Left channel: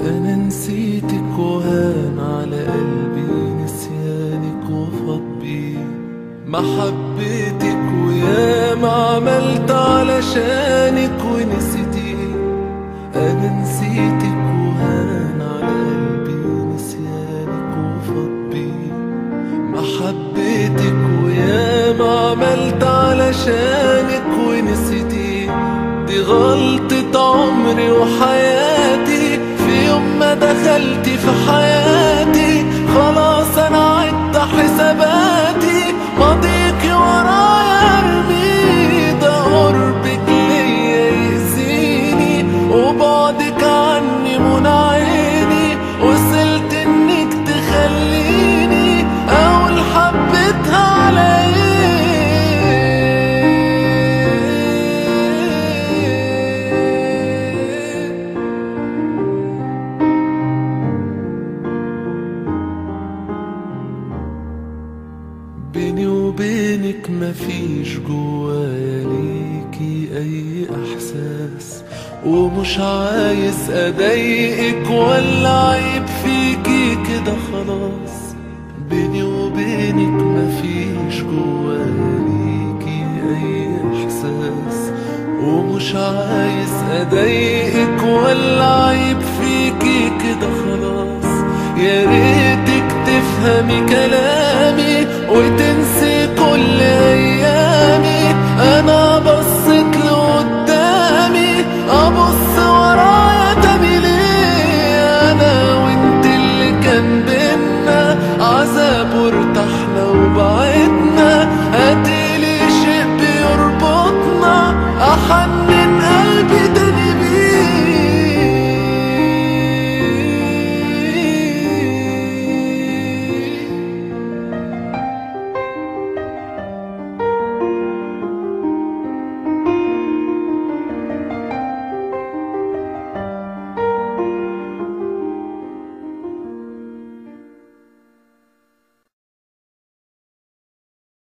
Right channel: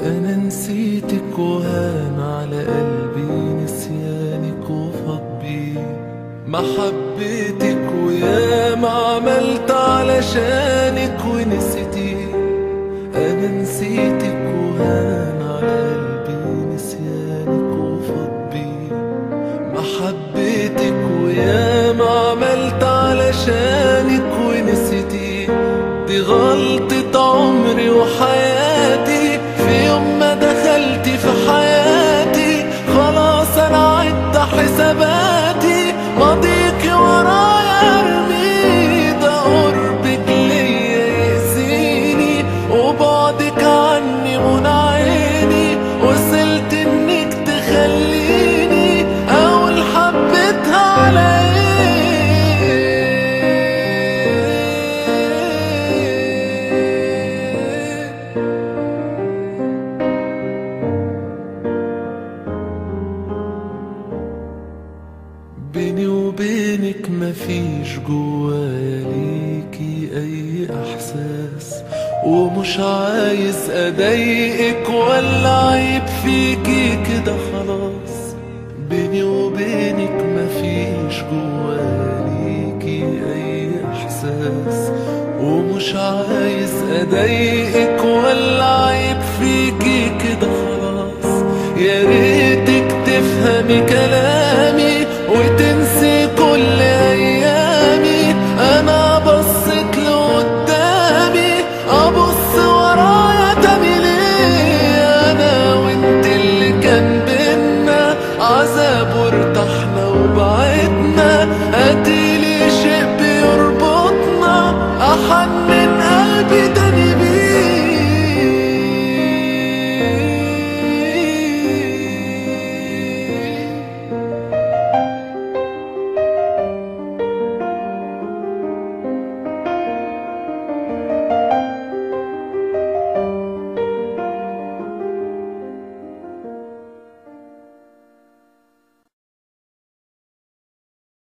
أنا نسيتك وهان على قلبي نسيانك وفاض بيه محبتك، ويا ما عملت علشانك ونسيتيه. أنا نسيتك وهان على قلبي نسيانك وفاض بيه محبتك، ويا ما عملت علشانك ونسيتيه. دي غلطة عمري وحياتي، في يوم ما دخلتي في حياتي خلاص أنا عدت حساباتي. ماضيكي ورايا ارمي، ده قربك ليا يأذيني وبعدك عني منى عيني. وصلت انك تخليني اقول حبيتها على بيني وبينك مفيش جوايا ليكي اي احساس، ومش عايز اضايقك ولا عيب فيكي كده خلاص. بيني وبينك مفيش جوايا ليكي اي احساس، ومش عايز اضايقك ولا عيب فيكي كده خلاص. يا ريتك تفهمي كلامي وتنسي كل ايامي. انا بصيت لقدامي ابص ورايا تاني ليه؟ انا وانت اللي كان بينا عذاب وارتحنا وبعدنا. هاتيلي شيء بيربطنا احن